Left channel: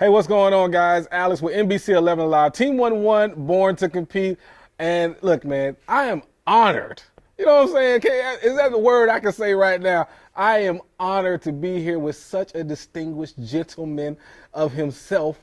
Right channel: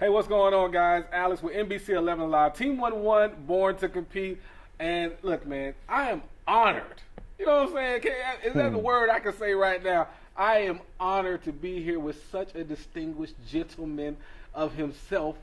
Hey, what's going on, guys? Alex with NBC 11 Live. Team 1-1, born to compete. And look, man, I am honored. You know what I'm saying? Is that the word I can say right now? I am honored to be here with such a distinguished gentleman of himself.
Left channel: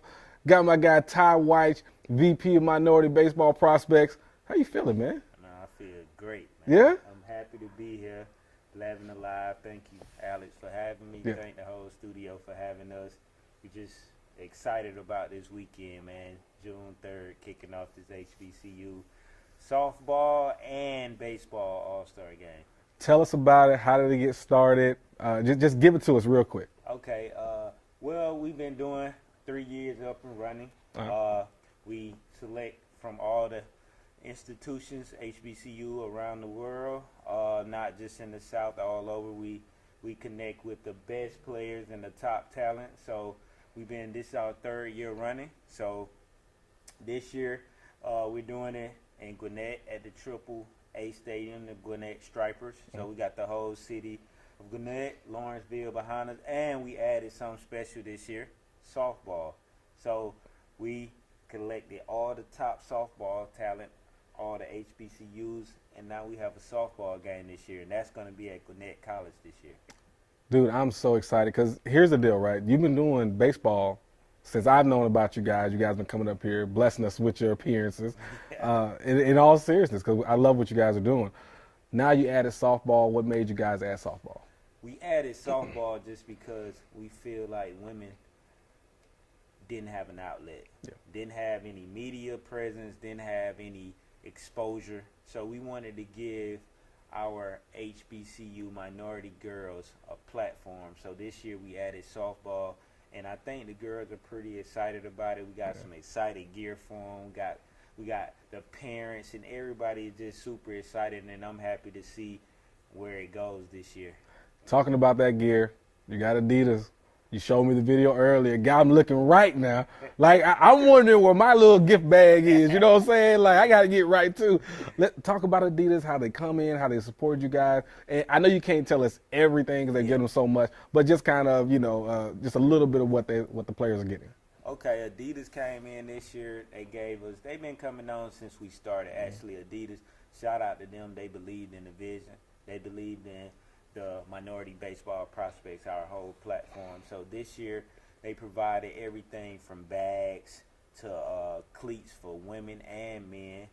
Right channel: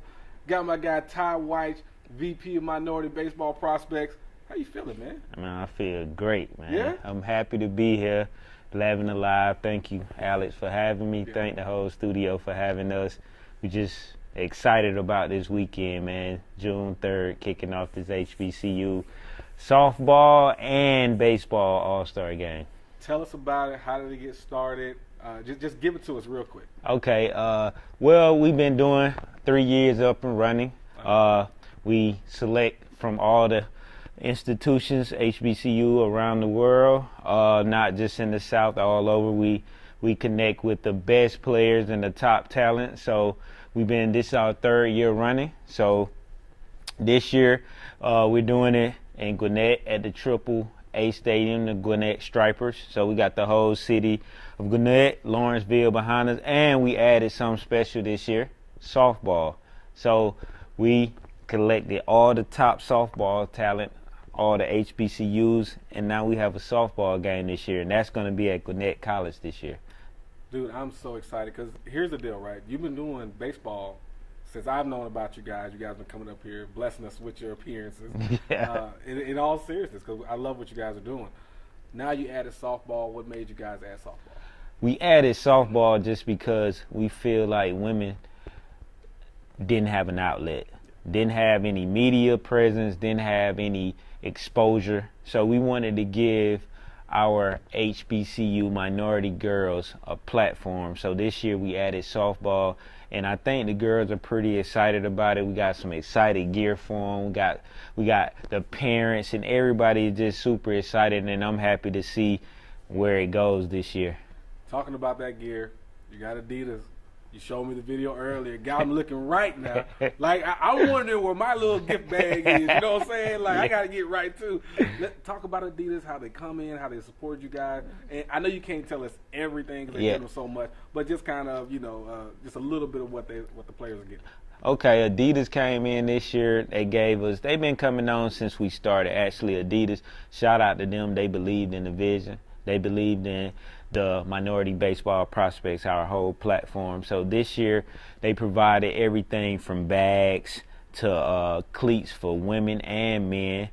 Got my guy Ty Wyche, VP of Minority Baseball Prospects. How you feeling, man? Man, I feel great, man. Yeah? I'm happy to be here, 11 Alive. Thank you, Alex, for having me. Yeah. Thank the whole studio for having us. We just excited about this weekend, man. June 3rd, kicking off this HBCU softball and baseball All-Star game. Tell us about it. How did it get started? Just give it to us real quick. Okay, well, we've been doing 3 years up and running. We select from all the institutions, HBCU around the world, not just in the South, all over. We connect with the best players and the top talent. So this is our 3rd year running. So this year we're doing it in Gwinnett at the Triple A Stadium, the Gwinnett Stripers. So we got the whole city of Gwinnett, Lawrenceville behind us, and we added something special this year, softball. So we collected all the top softball talent, all the HBCUs, and now we have a softball game this year, and that's going to be at Gwinnett College this year. Dude, I'm so excited because here's the deal, right? You've been doing baseball since I've known about you guys. You guys have been coming up here, blessing us with your appearances. Yeah. In all seriousness, because I love what you guys are doing. Now you added softball. What made you guys add softball? We added softball just because we feel like women didn't have an outlet, didn't have any media presence, didn't have any exposure. So we wanted to give our HBCU minority girls a platform. So this year we added softball, and I think the girls are pretty excited about it. We got some excited gear for them. We got the parents, and everybody is just super excited, and I'm happy to see where it goes this year. Talking about that gear, you got Adidas. You showed me the video earlier. Got them looking right now. Like, I'm wondering where my little gift bag is. You know what I'm saying? Like, I got to get right, too. Let's talk about Adidas, how they come in, how they support you guys. And I know you can't tell us everything because they get them so much, but just kind of, just a little bit of what the players are getting. Okay, Adidas came in this year. They've been coming on since we started. Actually, Adidas, shout out to them. They believed in the vision. They believed in the Minority Baseball Prospects, our whole platform. So this year they provided everything from bags to cleats for women and men,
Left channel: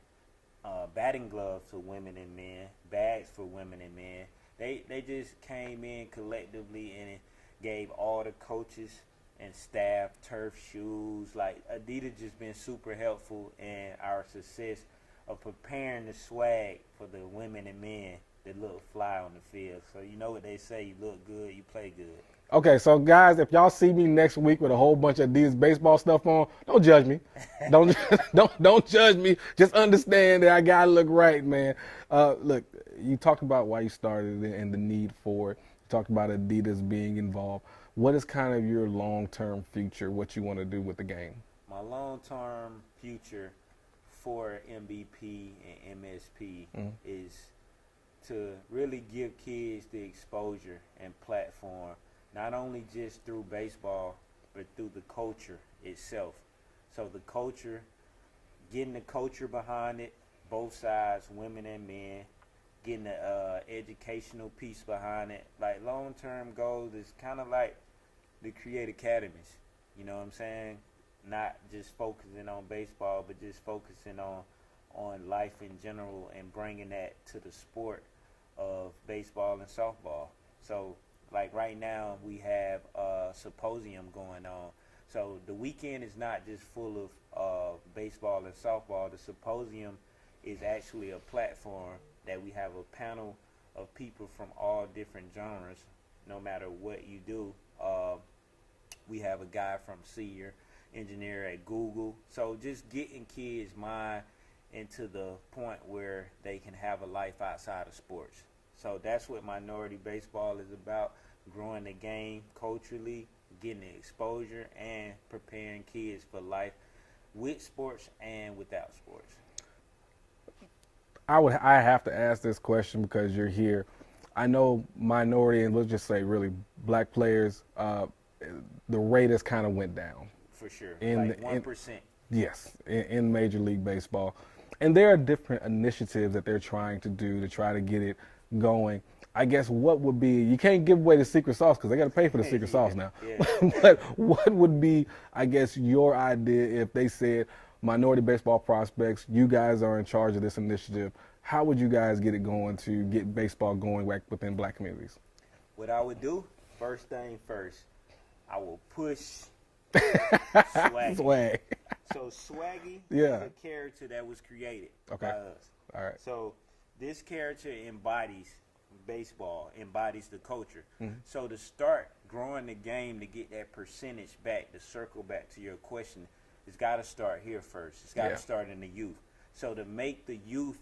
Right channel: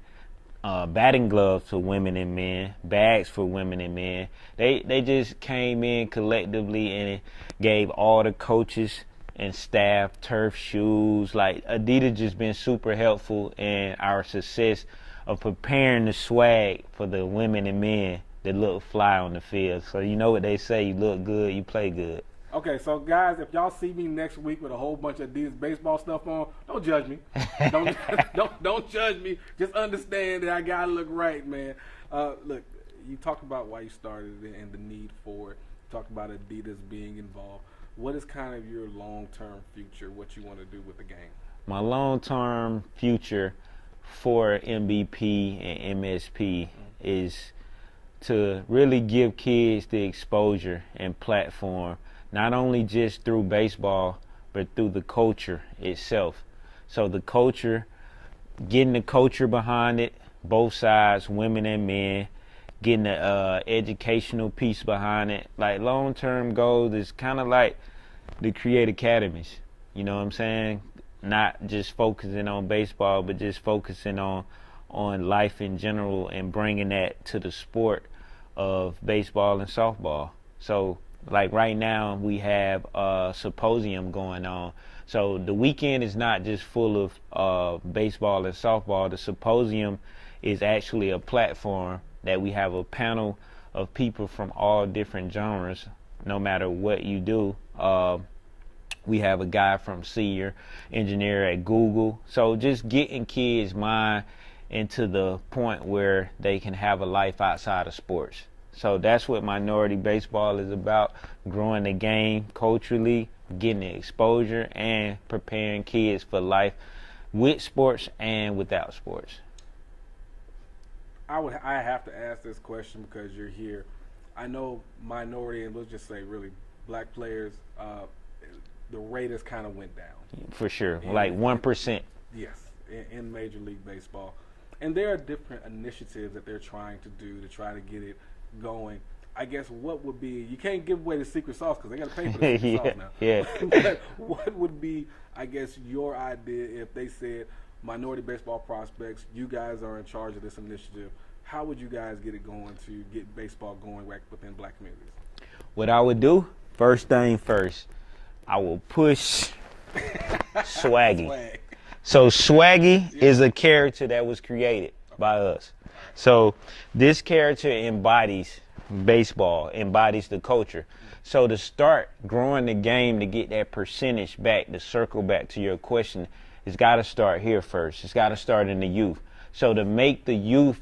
batting gloves for women and men, bags for women and men. They just came in collectively and gave all the coaches and staff turf shoes. Like, Adidas just been super helpful in our success of preparing the swag for the women and men that look fly on the field. So you know what they say, you look good, you play good. Okay, so guys, if y'all see me next week with a whole bunch of Adidas baseball stuff on, don't judge me. Don't judge me. Just understand that I gotta look right, man. Look, you talked about why you started it and the need for it. You talked about Adidas being involved. What is kind of your long-term future, what you want to do with the game? My long-term future for MVP and MSP is to really give kids the exposure and platform, not only just through baseball, but through the culture itself. So the culture, getting the culture behind it, both sides, women and men, getting the educational piece behind it. Like, long-term goals is kind of like the create academies, you know what I'm saying? Not just focusing on baseball, but just focusing on life in general and bringing that to the sport of baseball and softball. So, like, right now we have a symposium going on. So the weekend is not just full of baseball and softball. The symposium is actually a platform that we have a panel of people from all different genres, no matter what you do. We have a guy from senior engineer at Google. So just getting kids' mind into the point where they can have a life outside of sports. So that's what minority baseball is about, growing the game culturally, getting the exposure, and preparing kids for life with sports and without sports. I have to ask this question because you're here. I know minority and let's just say really black players the rate has kind of went down. For sure, like 1%. Yes, in Major League Baseball. And there are different initiatives that they're trying to do to try to get it going. I guess what would be, you can't give away the secret sauce because they got to pay for the secret sauce now. Yeah. But what would be, I guess, your idea if they said, minority baseball prospects, you guys are in charge of this initiative? How would you guys get it going to get baseball going back within black communities? What I would do, first thing first, I will push Swaggy. Swag. So Swaggy is a character that was created by us. All right. So this character embodies baseball, embodies the culture. So to start growing the game, to get that percentage back, to circle back to your question, it's got to start here first. It's got to start in the youth. So to make the youth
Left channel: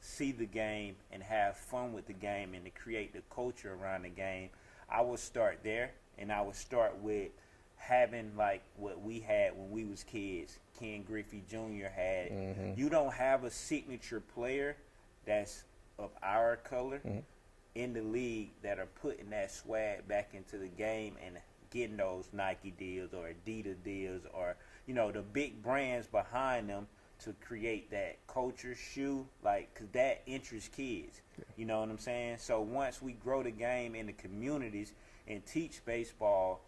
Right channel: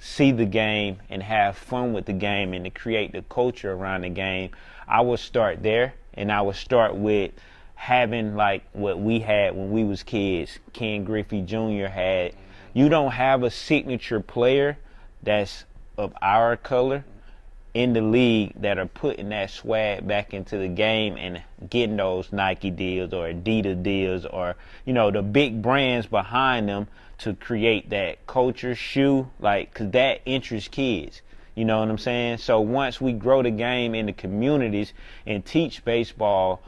see the game and have fun with the game and to create the culture around the game, I would start there, and I would start with having like what we had when we was kids. Ken Griffey Jr. had. You don't have a signature player that's of our color in the league that are putting that swag back into the game and getting those Nike deals or Adidas deals or, you know, the big brands behind them to create that culture shoe, like, because that interests kids. You know what I'm saying? So once we grow the game in the communities and teach baseball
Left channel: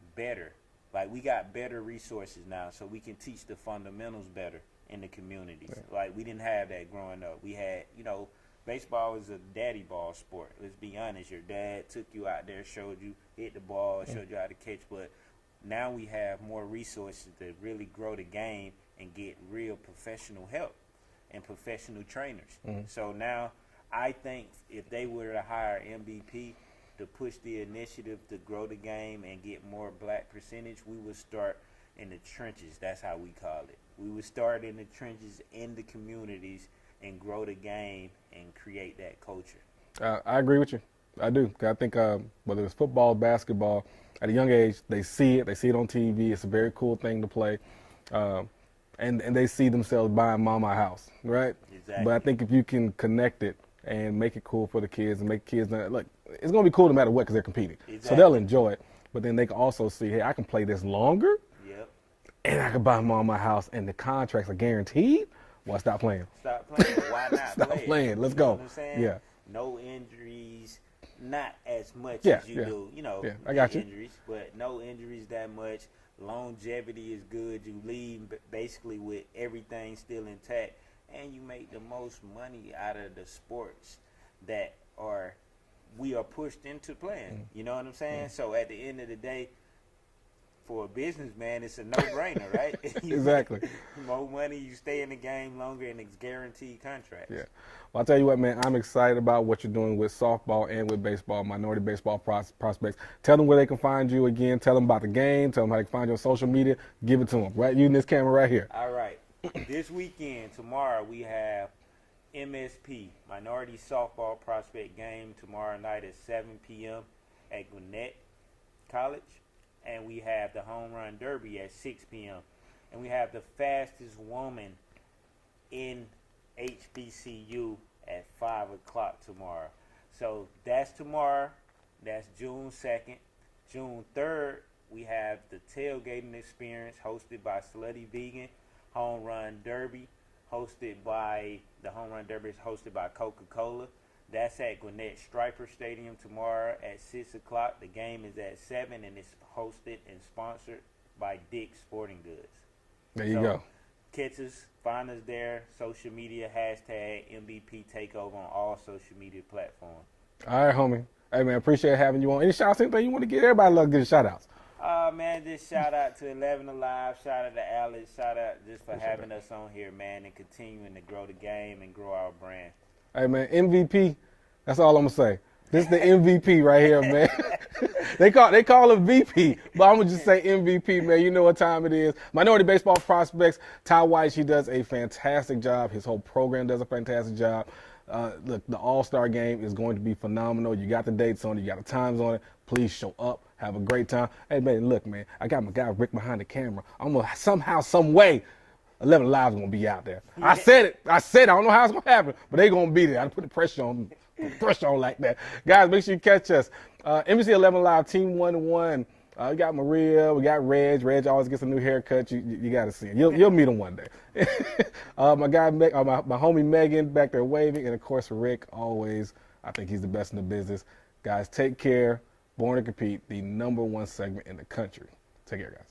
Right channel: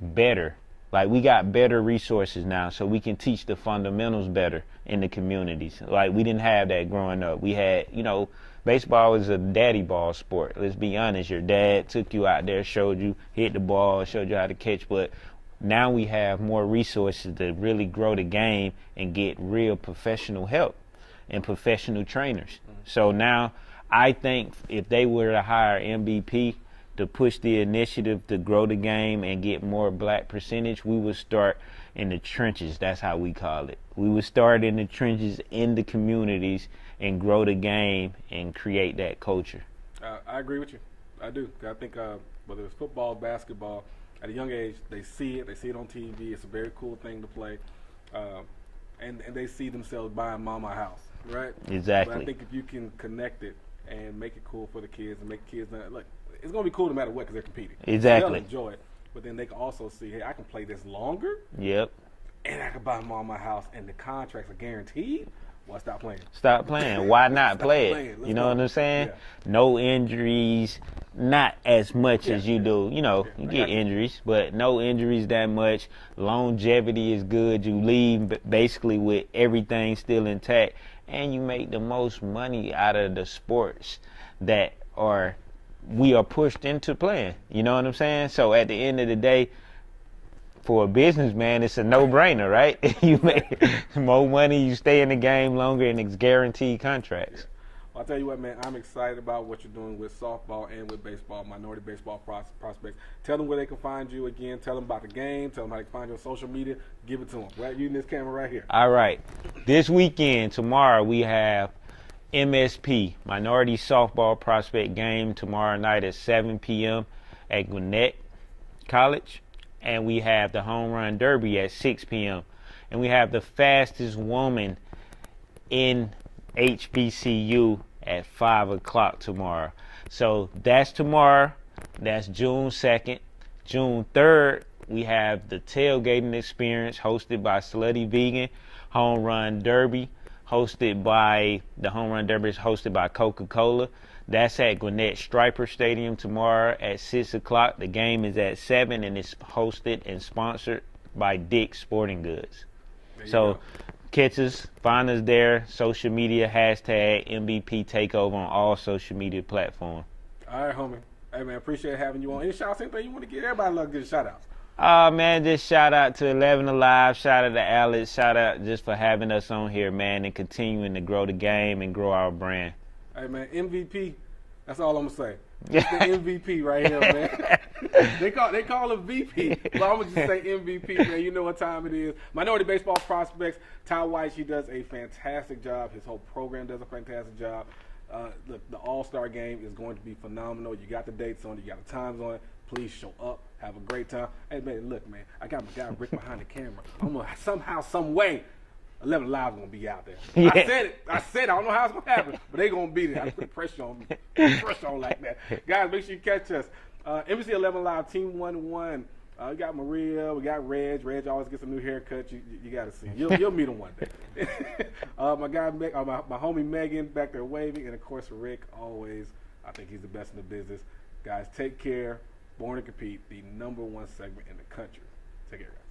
better, like we got better resources now, so we can teach the fundamentals better in the communities. Like we didn't have that growing up. We had, you know, baseball is a daddy ball sport. Let's be honest. Your dad took you out there, showed you, hit the ball, showed you how to catch, but now we have more resources to really grow the game and get real professional help and professional trainers. So now I think if they were to hire MVP to push the initiative to grow the game and get more black percentage, we would start in the trenches. That's how we call it. We would start in the trenches in the communities and grow the game and create that culture. I agree with you. I do. I think whether it's football, basketball, at a young age, they see it on TV. It's a very cool thing to play. And they see themselves buying mama a house, right? Exactly. But I think if you can connect it and make it cool for the kids and make kids, look, it's going to be cool no matter what because they're competing. Exactly. So they'll enjoy it. But then they can also see, hey, I can play this longer. Yep. And I can buy mama a house and the contracts are guaranteed. Well, stop playing. Stop playing. Why not Stop play playing. it? Let's You know go. what I'm saying? Yeah. No injuries, not as much as you do. You know, Yeah, you I get got you. injuries, but no injuries that much. Longevity is good. You leave basically with everything still intact, and you make the most money out of the sports that we are pushed into playing. You know what I'm saying? So at the end of the day, for a businessman, it's a no-brainer, right? You make more money, you stay in the game longer, and it's guaranteed contracts. Yeah. Well, I'll tell you what, man, I'm excited about what you're doing with softball and with baseball, minority baseball prospects. Tell them where they can find you again. Tell them about the game. Tell them how they can find you on social media. Give it to them, right? Using this camera right here. All right. This weekend, tomorrow, we have MSP, Minority Softball Prospect Game, tomorrow night at 7 p.m. at Gwinnett College. And we have the Home Run Derby at 6 p.m. And we have the fastest woman in HBCU at 5 o'clock tomorrow. So that's tomorrow. That's June 2nd. June 3rd, we have the tailgating experience hosted by Slutty Vegan. Home Run Derby hosted by, the Home Run Derby is hosted by Coca-Cola. That's at Gwinnett Striper Stadium tomorrow at 6 o'clock. The game is at 7 and it's hosted and sponsored by Dick's Sporting Goods. There you go. Catch us, find us there, social media, hashtag MVP Takeover on all social media platforms. All right, homie. Hey, man, appreciate having you on. Any shout-outs, anything you want to get? Everybody love getting shout-outs. Man, just shout out to 11 Alive, shout out to Alex, shout out just for having us on here, man, and continuing to grow the game and grow our brand. Hey, man, MVP, that's all I'm going to say. It's the MVP right here, man. They call him VP, but I'm going to just say MVP, man. You know what time it is. Minority Baseball Prospects, Wyche, he does a fantastic job. His whole program does a fantastic job. Look, the All-Star game is going to be phenomenal. You got the dates on it. You got the times on it. Please show up. Have a great time. Hey, man, look, man, I got my guy Rick behind the camera. I'm going to somehow, some way, 11 Live's going to be out there. Yeah. I said it. I don't know how it's going to happen, but they're going to be there. I put the pressure on me. Pressure on like that. Guys, make sure you catch us. NBC 11 Live, Team 1-1. We got Maria, we got Reg. Reg always gets a new haircut. You got to see him. You'll meet him one day. My guy, my homie Megan back there waving, and of course Rick always. I think he's the best in the business. Guys, take care. Born to Compete, the #1 segment in the country. Take care, guys.